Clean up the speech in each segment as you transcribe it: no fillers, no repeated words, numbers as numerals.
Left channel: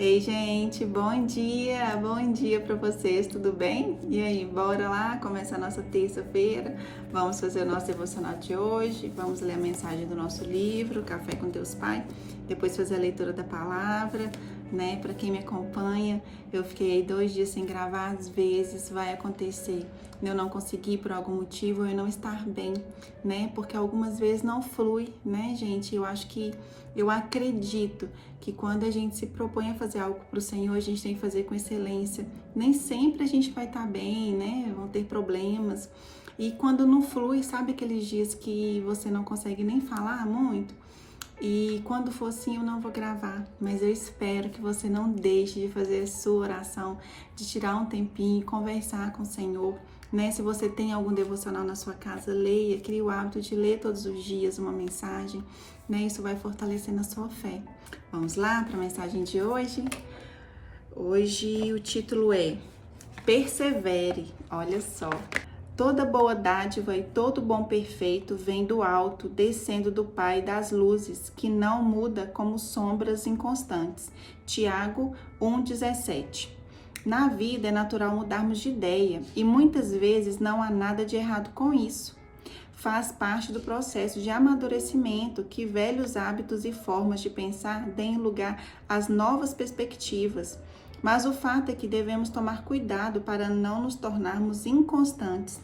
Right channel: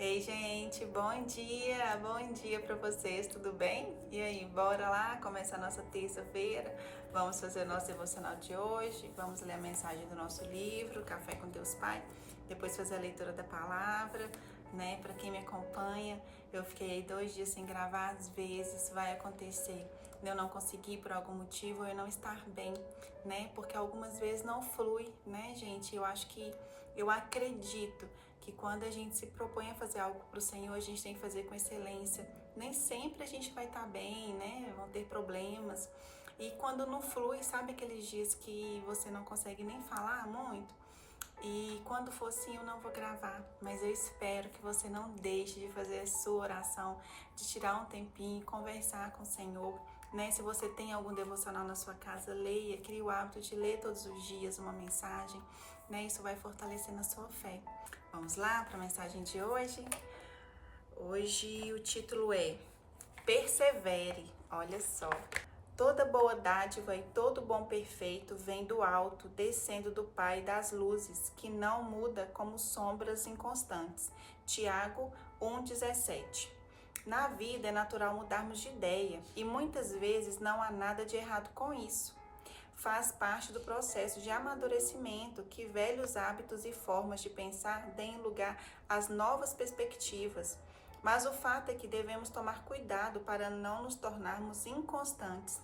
Ei, gente, bom dia para vocês, tudo bem? E aí, bora lá começar a nossa terça-feira? Vamos fazer o nosso devocional de hoje, vamos ler a mensagem do nosso livro, Café com Deus Pai, depois fazer a leitura da palavra, né? Para quem me acompanha, eu fiquei 2 dias sem gravar, às vezes vai acontecer eu não conseguir por algum motivo, eu não estar bem, né? Porque algumas vezes não flui, né, gente? Eu acredito que quando a gente se propõe a fazer algo para o Senhor, a gente tem que fazer com excelência. Nem sempre a gente vai estar bem, né? Vão ter problemas. E quando não flui, sabe aqueles dias que você não consegue nem falar muito? E quando for assim, eu não vou gravar, mas eu espero que você não deixe de fazer a sua oração, de tirar um tempinho e conversar com o Senhor, né? Se você tem algum devocional na sua casa, leia, crie o hábito de ler todos os dias uma mensagem, né? Isso vai fortalecendo a sua fé. Vamos lá para a mensagem de hoje? Hoje o título é Persevere, olha só. Toda boa dádiva e todo bom perfeito vem do alto, descendo do Pai das luzes, que não muda como sombras inconstantes. Tiago 1,17. Na vida é natural mudarmos de ideia e muitas vezes não há nada de errado com isso. Faz parte do processo de amadurecimento que velhos hábitos e formas de pensar deem lugar às novas perspectivas. Mas o fato é que devemos tomar cuidado para não nos tornarmos inconstantes.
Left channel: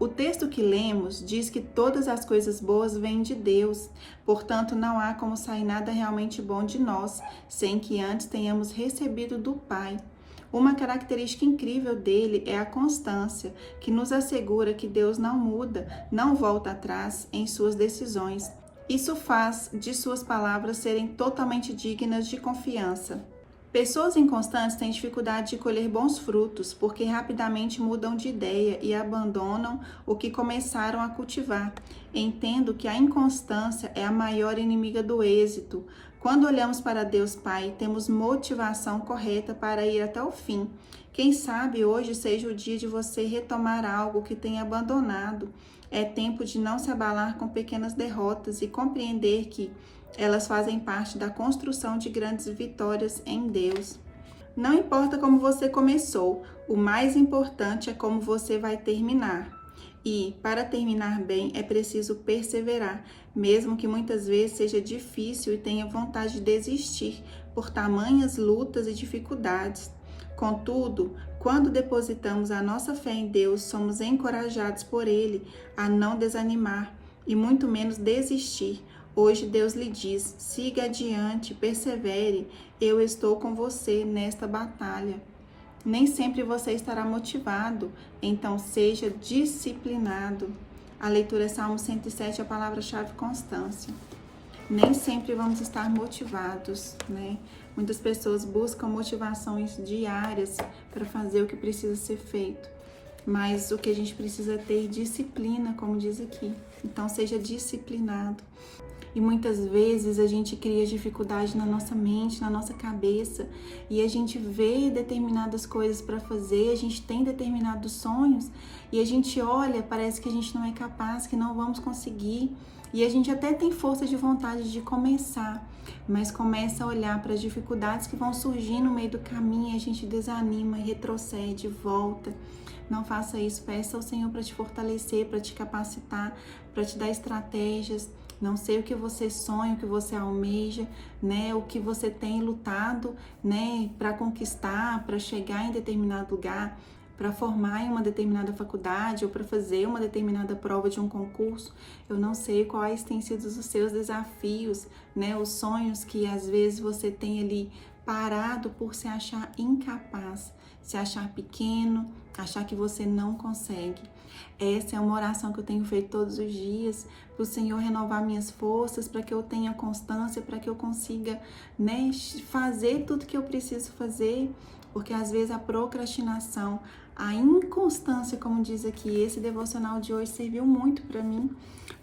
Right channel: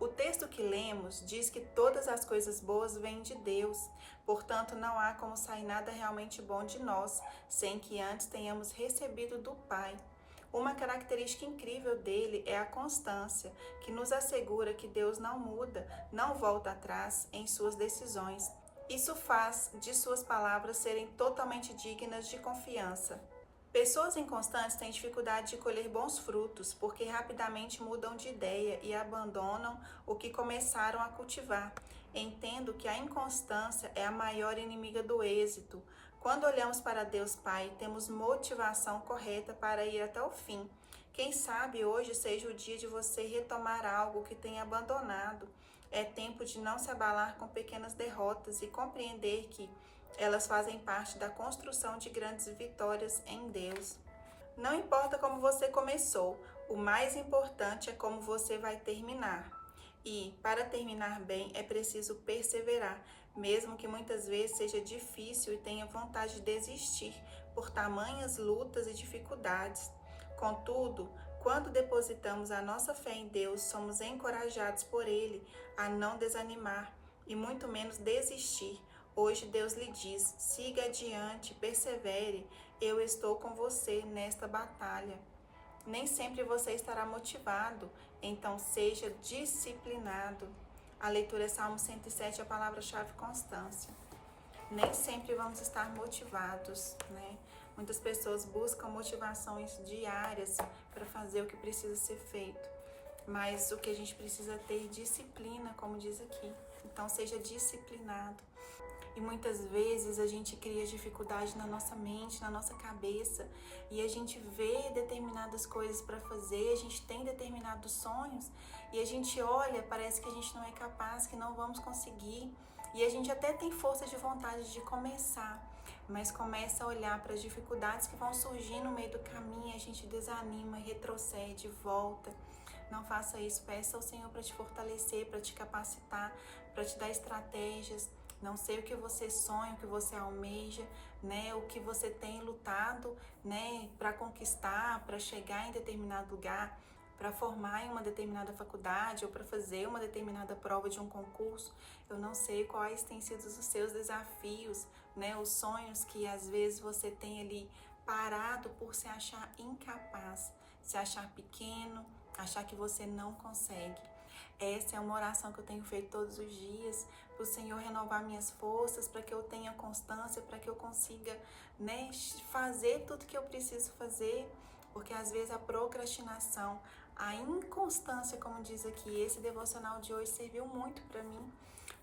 O texto que lemos diz que todas as coisas boas vêm de Deus, portanto, não há como sair nada realmente bom de nós, sem que antes tenhamos recebido do Pai. Uma característica incrível dele é a constância, que nos assegura que Deus não muda, não volta atrás em suas decisões. Isso faz de suas palavras serem totalmente dignas de confiança. Pessoas inconstantes têm dificuldade de colher bons frutos porque rapidamente mudam de ideia e abandonam o que começaram a cultivar. Entendo que a inconstância é a maior inimiga do êxito. Quando olhamos para Deus Pai, temos motivação correta para ir até o fim. Quem sabe hoje seja o dia de você retomar algo que tem abandonado. É tempo de não se abalar com pequenas derrotas e compreender que elas fazem parte da construção de grandes vitórias em Deus. Não importa como você começou, o mais importante é como você vai terminar. E, para terminar bem, é preciso perseverar, mesmo que muitas vezes seja difícil e tenha vontade de desistir por tamanhas lutas e dificuldades. Contudo, quando depositamos a nossa fé em Deus, somos encorajados por Ele a não desanimar e muito menos desistir. Hoje Deus lhe diz: siga adiante, persevere, eu estou com você nesta batalha. Nem sempre você estará motivado, então seja disciplinado. A leitura é Salmo 107, a palavra-chave constância. Nem sempre vamos estar motivados, né? Muitas pessoas buscam motivações diárias para fazer o que precisa ser feito. Mas o que a gente precisa é ter disciplina, como diz aqui. Então seja disciplinado. E muitas vezes a gente cria dificuldade na nossa mente, na nossa cabeça, e a gente vê determinadas coisas para fazer, a gente tem determinados sonhos, e a gente olha, parece que a gente não é capaz, que não vamos conseguir, e a gente até tem força de vontade de começar, mas começa a olhar para as dificuldades que vão surgir no meio do caminho, e a gente desanima, retrocede, volta. Não faça isso, peça ao Senhor para te fortalecer, para te capacitar, para te dar estratégias. Não sei o que você sonha, o que você almeja, né? O que você tem lutado, né? Para conquistar, para chegar em determinado lugar, para formar em uma determinada faculdade ou para fazer uma determinada prova de um concurso. Eu não sei quais têm sido os seus desafios, né? Os sonhos que às vezes você tem ali parado por se achar incapaz, se achar pequeno, achar que você não consegue. Essa é uma oração que eu tenho feito todos os dias, para o Senhor renovar minhas forças, para que eu tenha constância, para que eu consiga, né, fazer tudo que eu preciso fazer, porque às vezes a procrastinação, a inconstância, como diz aqui, esse devocional de hoje serviu muito para mim,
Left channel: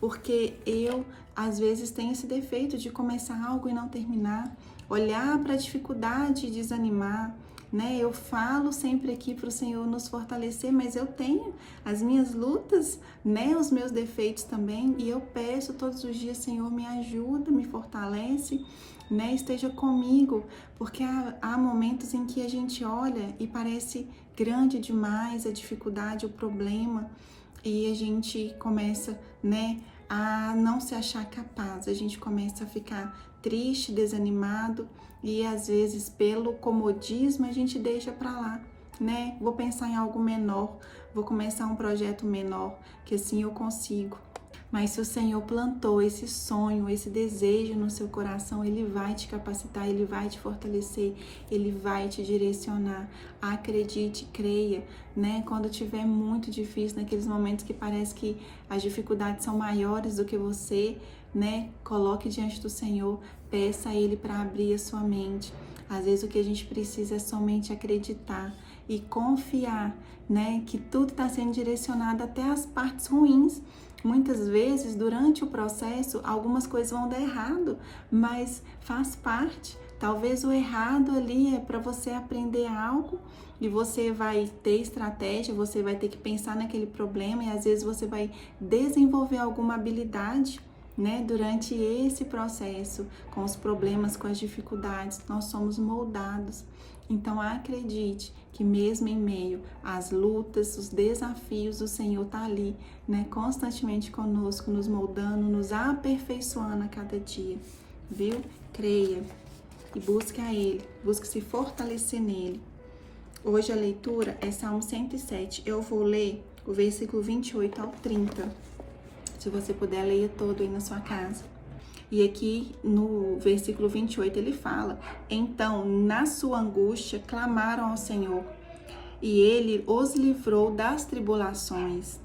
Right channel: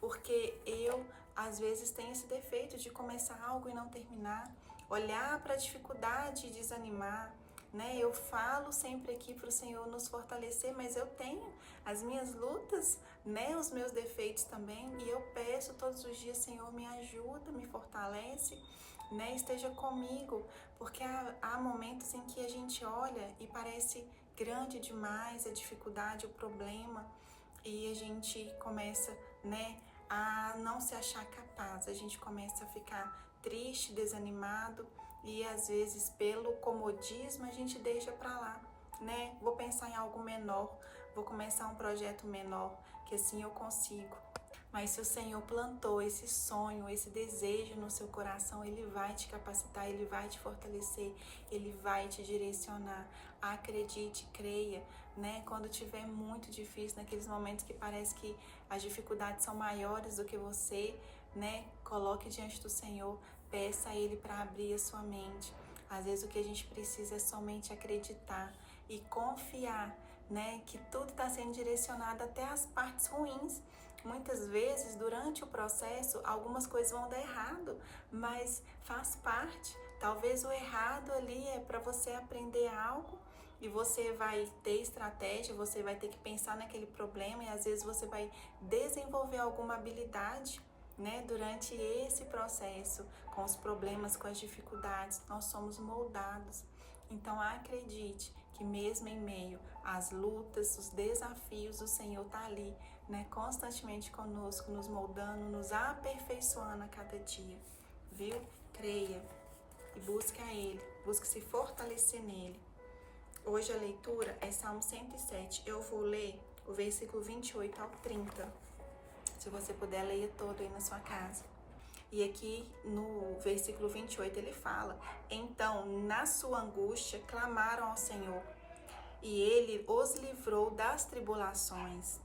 porque eu às vezes tenho esse defeito de começar algo e não terminar, olhar para a dificuldade e desanimar, né? Eu falo sempre aqui para o Senhor nos fortalecer, mas eu tenho as minhas lutas, né? Os meus defeitos também, e eu peço todos os dias: Senhor, me ajuda, me fortalece, né? Esteja comigo, porque há momentos em que a gente olha e parece grande demais a dificuldade, o problema, e a gente começa, né, a não se achar capaz, a gente começa a ficar triste, desanimado, e às vezes pelo comodismo a gente deixa para lá, né? Vou pensar em algo menor, vou começar um projeto menor, que assim eu consigo. Mas se o Senhor plantou esse sonho, esse desejo no seu coração, Ele vai te capacitar, Ele vai te fortalecer, Ele vai te direcionar. Acredite, creia, né? Quando tiver muito difícil, naqueles momentos que parece que as dificuldades são maiores do que você, né? Coloque diante do Senhor, peça a Ele para abrir a sua mente. Às vezes o que a gente precisa é somente acreditar e confiar, né? Que tudo está sendo direcionado até as partes ruins. Muitas vezes, durante o processo, algumas coisas vão dar errado, mas faz parte. Talvez o errado ali é para você aprender algo e você vai ter estratégia, você vai ter que pensar naquele problema e às vezes você vai desenvolver alguma habilidade, né? Durante esse processo, com os problemas, com as dificuldades, nós somos moldados. Então acredite que mesmo em meio às lutas, os desafios, o Senhor está ali, né, constantemente conosco, nos moldando, nos aperfeiçoando a cada dia, viu? Creia e busque a Ele, busque se fortalecer nele. Hoje a leitura é Salmo 107, eu vou ler o versículo 28 ao 30, se você puder, leia todo aí na sua casa. E aqui no versículo 28 ele fala: então, na sua angústia, clamaram ao Senhor, e ele os livrou das tribulações.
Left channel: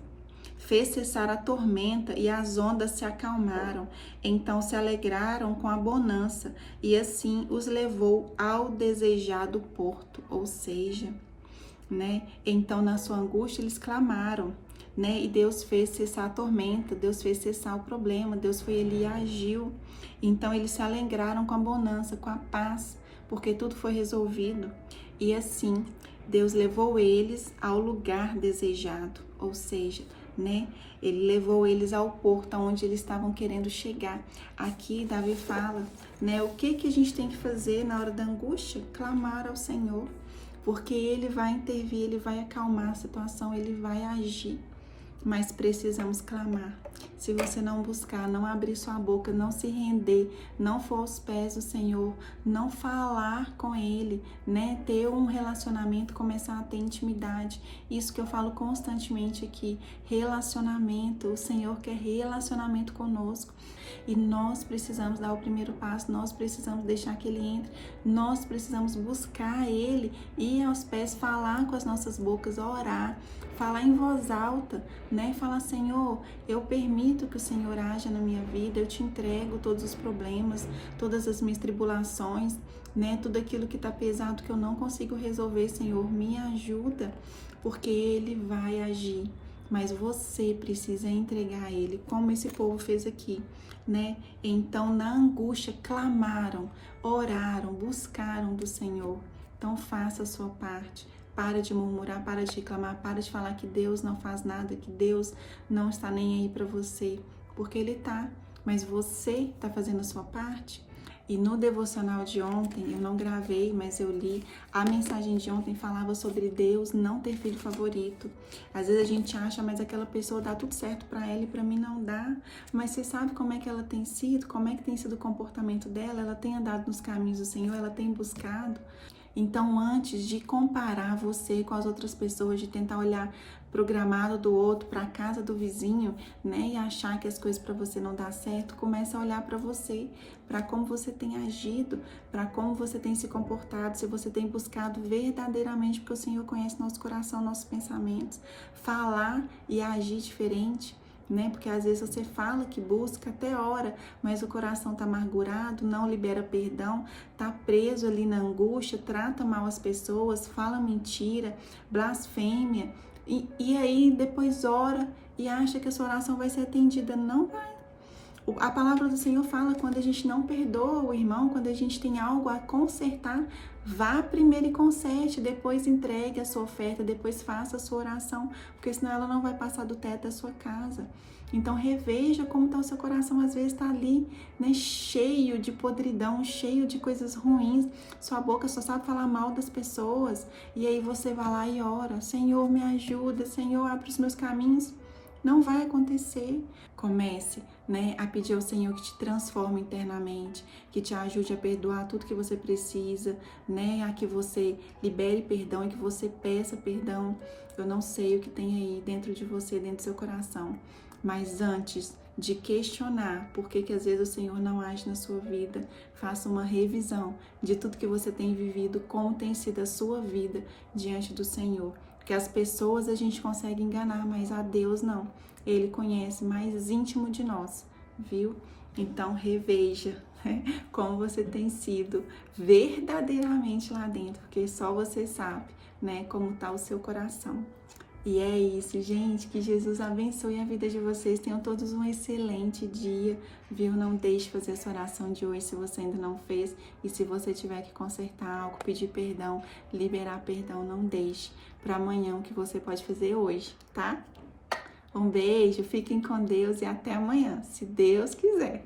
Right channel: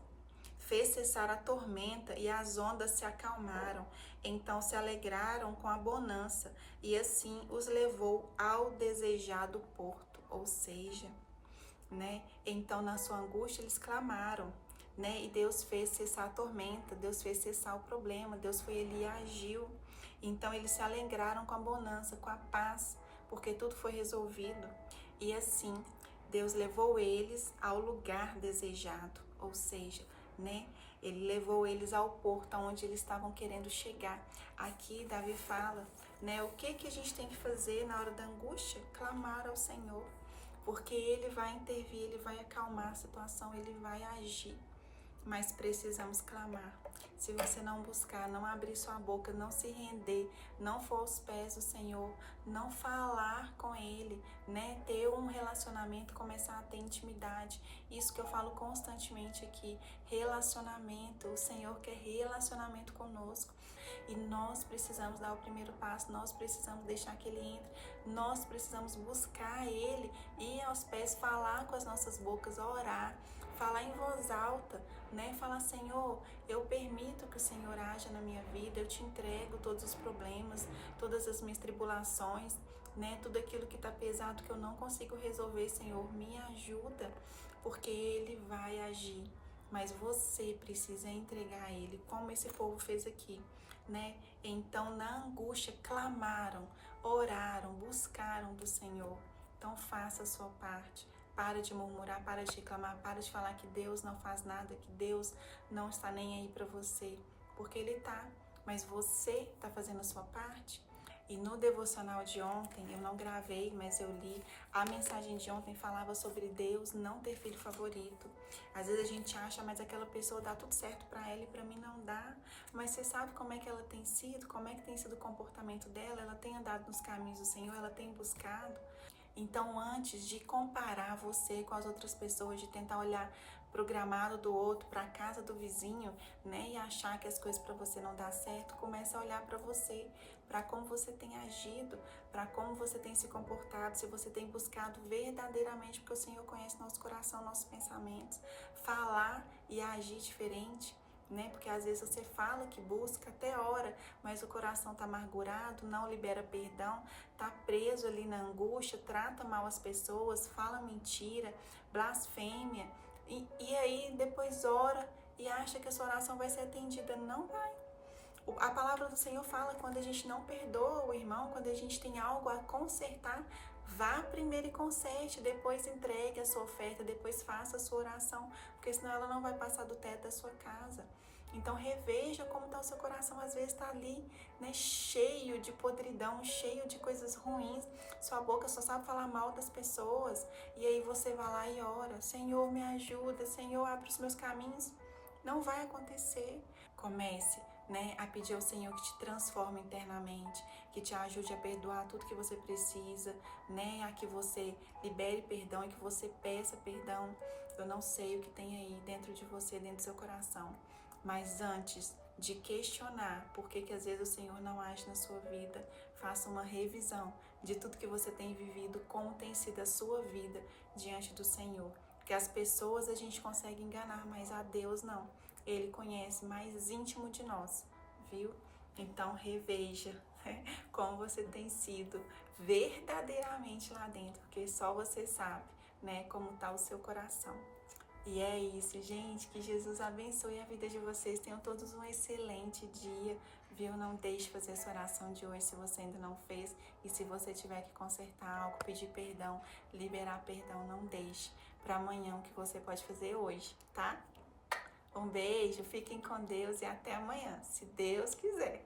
Fez cessar a tormenta e as ondas se acalmaram. Então se alegraram com a bonança, e assim os levou ao desejado porto. Ou seja, né? Então, na sua angústia, eles clamaram, né? E Deus fez cessar a tormenta, Deus fez cessar o problema, Deus foi ali e agiu. Então, eles se alegraram com a bonança, com a paz, porque tudo foi resolvido. E assim, Deus levou eles ao lugar desejado, ou seja, né? Ele levou eles ao porto onde eles estavam querendo chegar. Aqui, Davi fala, né? O que a gente tem que fazer na hora da angústia? Clamar ao Senhor. Porque Ele vai intervir, Ele vai acalmar a situação, Ele vai agir. Mas precisamos clamar. Se você não buscar, não abrir sua boca, não se render, não for aos pés do Senhor, não falar com Ele, né? Ter um relacionamento, começar a ter intimidade. Isso que eu falo constantemente aqui, relacionamento. O Senhor quer relacionamento conosco. E nós precisamos dar o primeiro passo, nós precisamos deixar que Ele entre, nós precisamos buscar Ele, ir aos pés, falar com as nossas bocas, orar, falar em voz alta, né? Falar: Senhor, eu permito que o Senhor haja na minha vida, eu te entrego todos os problemas, todas as minhas tribulações, né? Tudo aquilo que está pesado, que eu não consigo resolver, Senhor, me ajuda, porque Ele vai agir. Mas você precisa entregar a Ele, como esse povo fez aqui, né? Então, na angústia, clamaram, oraram, buscaram do Senhor. Então, faça a sua parte. Para de murmurar, para de reclamar, para de falar que Deus não faz nada, que Deus não está nem aí para você, porque Ele tá, mas você está fazendo a sua parte. E no devocional de ontem, eu não gravei, mas eu li, a mensagem de ontem falava sobre Deus não ter filho favorito. Às vezes a gente acha, mas aquela pessoa dá tudo certo para ela e para mim não dá. Mas você sabe como é que ela tem sido, como é que tem sido o comportamento dela? Ela tem andado nos caminhos do Senhor, ela tem buscado. Então, antes de comparar você com as outras pessoas, de tentar olhar pro gramado do outro, para a casa do vizinho, né, e achar que as coisas para você não dá certo, comece a olhar para você, para como você tem agido, para como você tem se comportado, se você tem buscado verdadeiramente, porque o Senhor conhece nosso coração, nossos pensamentos, falar e agir diferente, né? Porque às vezes você fala que busca, até ora, mas o coração tá amargurado, não libera perdão, tá preso ali na angústia, trata mal as pessoas, fala mentira, blasfêmia, e aí depois ora e acha que a sua oração vai ser atendida. Não vai. A palavra do Senhor fala: quando a gente não perdoa o irmão, quando a gente tem algo a consertar, vá primeiro e conserte, depois entregue a sua oferta, depois faça a sua oração, porque senão ela não vai passar do teto da sua casa. Então reveja como está o seu coração, às vezes está ali, né, cheio de podridão, cheio de coisas ruins, sua boca só sabe falar mal das pessoas, e aí você vai lá e ora, Senhor, me ajuda, Senhor, abre os meus caminhos. Não vai acontecer. Comece, né, a pedir ao Senhor que te transforme internamente, que te ajude a perdoar tudo que você precisa, né, a que você libere perdão e que você peça perdão. Eu não sei o que tem aí dentro de você, dentro do seu coração, mas antes de questionar por que às vezes o Senhor não age na sua vida, faça uma revisão de tudo que você tem vivido, como tem sido a sua vida diante do Senhor. Porque as pessoas a gente consegue enganar, mas a Deus não. Ele conhece mais íntimo de nós, viu? Então reveja, né, como você tem sido verdadeiramente lá dentro, porque só você sabe, né, como está o seu coração. E é isso, gente. Que Jesus abençoe a vida de vocês. Tenham todos um excelente dia, viu? Não deixe de fazer essa oração de hoje se você ainda não fez. E se você tiver que consertar algo, pedir perdão, liberar perdão, não deixe para amanhã o que você pode fazer hoje, tá? Um beijo, fiquem com Deus e até amanhã, se Deus quiser.